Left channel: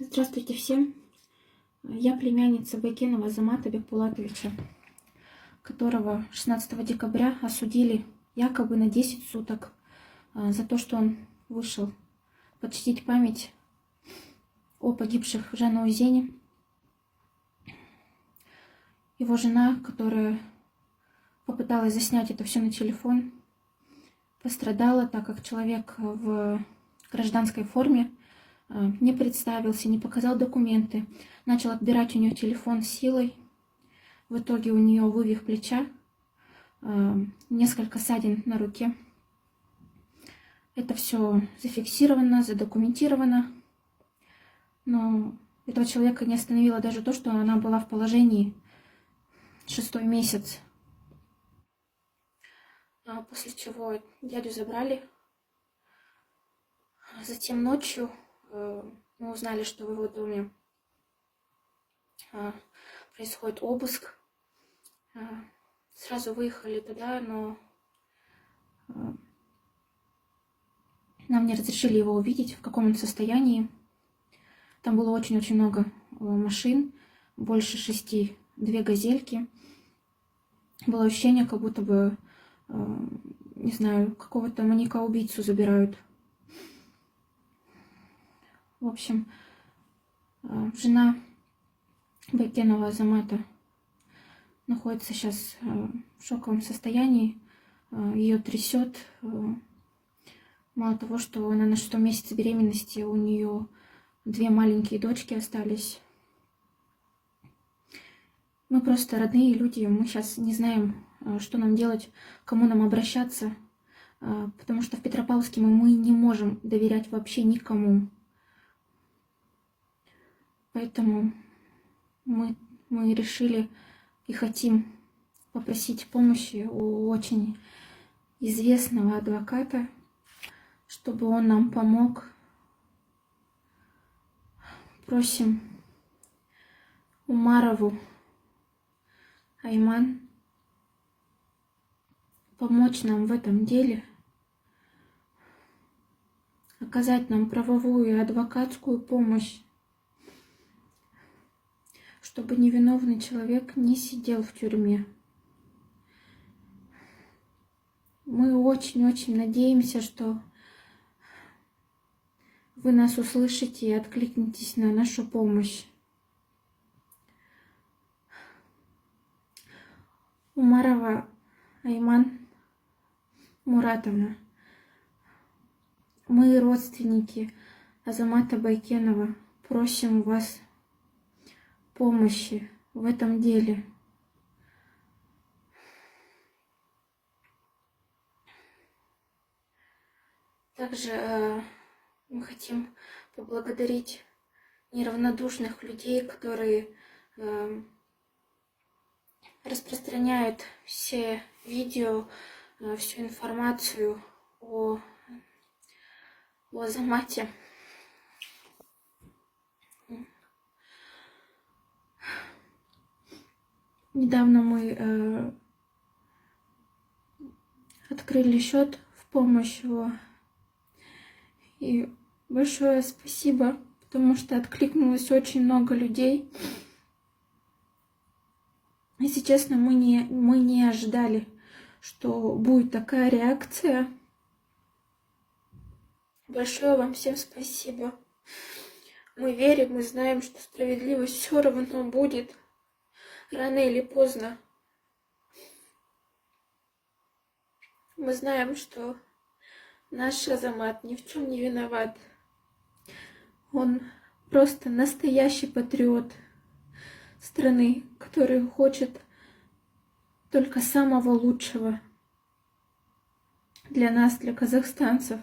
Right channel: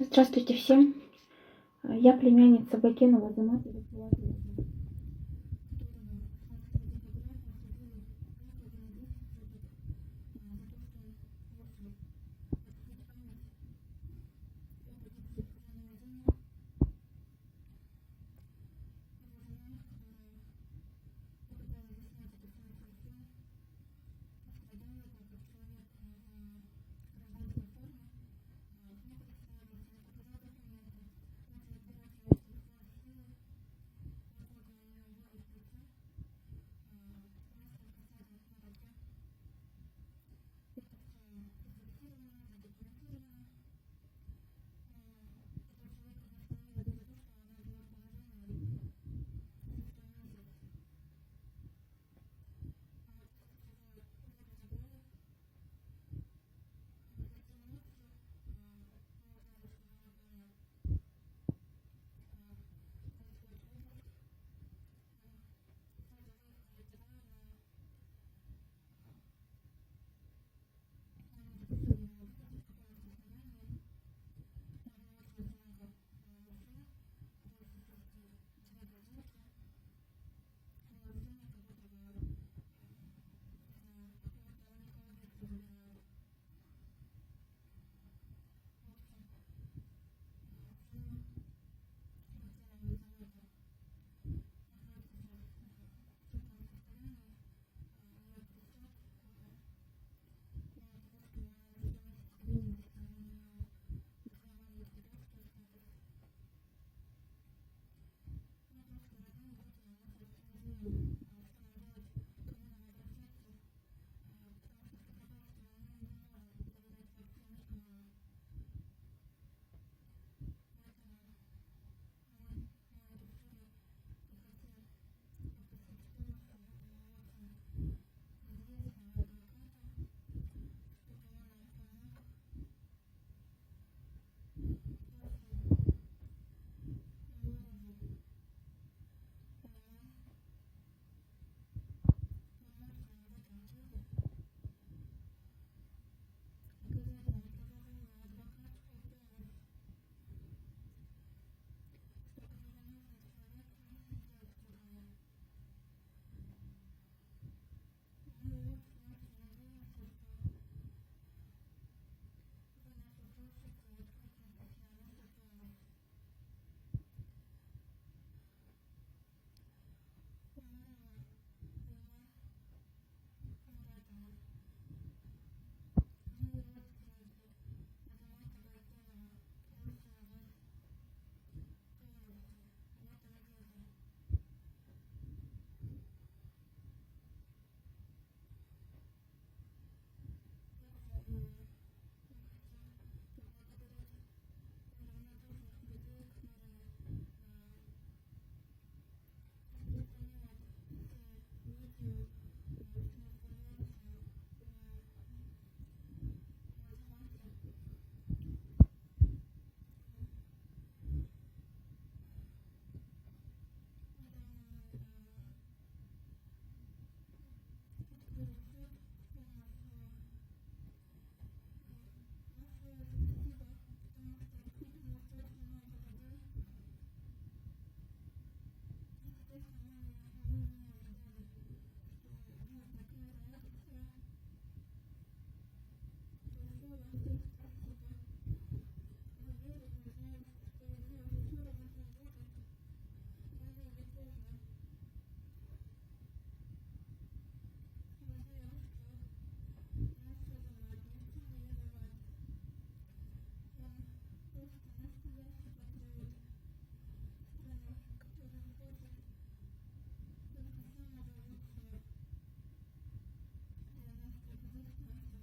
Здравствуйте всем. Я племянница Байкенова Азамата Бекбулатовича, которого 16 декабря осудили якобы на 10 суток за то, что он вышел почтить память о погибших в Жанаузене. Его жена, которая попыталась заснять это все на телефон, пострадала, так как человек в гражданской форме не представился, не показал документы, начал отбирать у нее телефон силой. В итоге у нее вывих плеча, несколько ссадин на руке. Это все зафиксировано, задокументировано. Но этого человека не остановило даже то, что она была в положении 6-й месяц. После чего дядю забрали. Затем ночью мы узнали, что в его доме происходит обыск. Сразу выехали туда, но нам не разрешили его увидеть, в каком он состоянии. Там было очень-очень много машин, больше 6, 2 газельки. Было ощущение, как будто бы, не знаю, какого-то маньяка-убийцу забирают. В общем, жена Байкенова Азамата находится сейчас в шоковом состоянии. Ее трясет. Мало того, что она на 6-м месяце беременности, у нее 2 маленькие дочки остались. Мы просто родные люди, мы сейчас не знаем, что нам делать, к кому нам обращаться, потому что в Петропавловске мы не можем доверять вообще никому. Поэтому мы решили и хотим попросить помощи у очень известного адвоката, чтобы он нам помог. Просим Умарову Айман помочь нам в этом деле, оказать нам правовую и адвокатскую помощь, чтобы невиновный человек не сидел в тюрьме. Мы очень-очень надеемся, что вы нас услышите и откликнетесь на нашу помощь. Умарова Айман Муратовна, мы, родственники Азамата Байкенова, просим вас помощи в этом деле. Также мы хотим поблагодарить неравнодушных людей, которые распространяют все видео, всю информацию о Азамате. Недавно мы открыли счет в помощь его. И большое спасибо, потому что откликнулось очень много людей. Если честно, мы не ожидали, что будет такая реакция. Большое вам всем спасибо. Мы верим, мы знаем, что справедливость все равно будет. Рано или поздно. Мы знаем, что наш Азамат ни в чем не виноват. Он просто настоящий патриот страны, который хочет только самого лучшего для нас, для казахстанцев.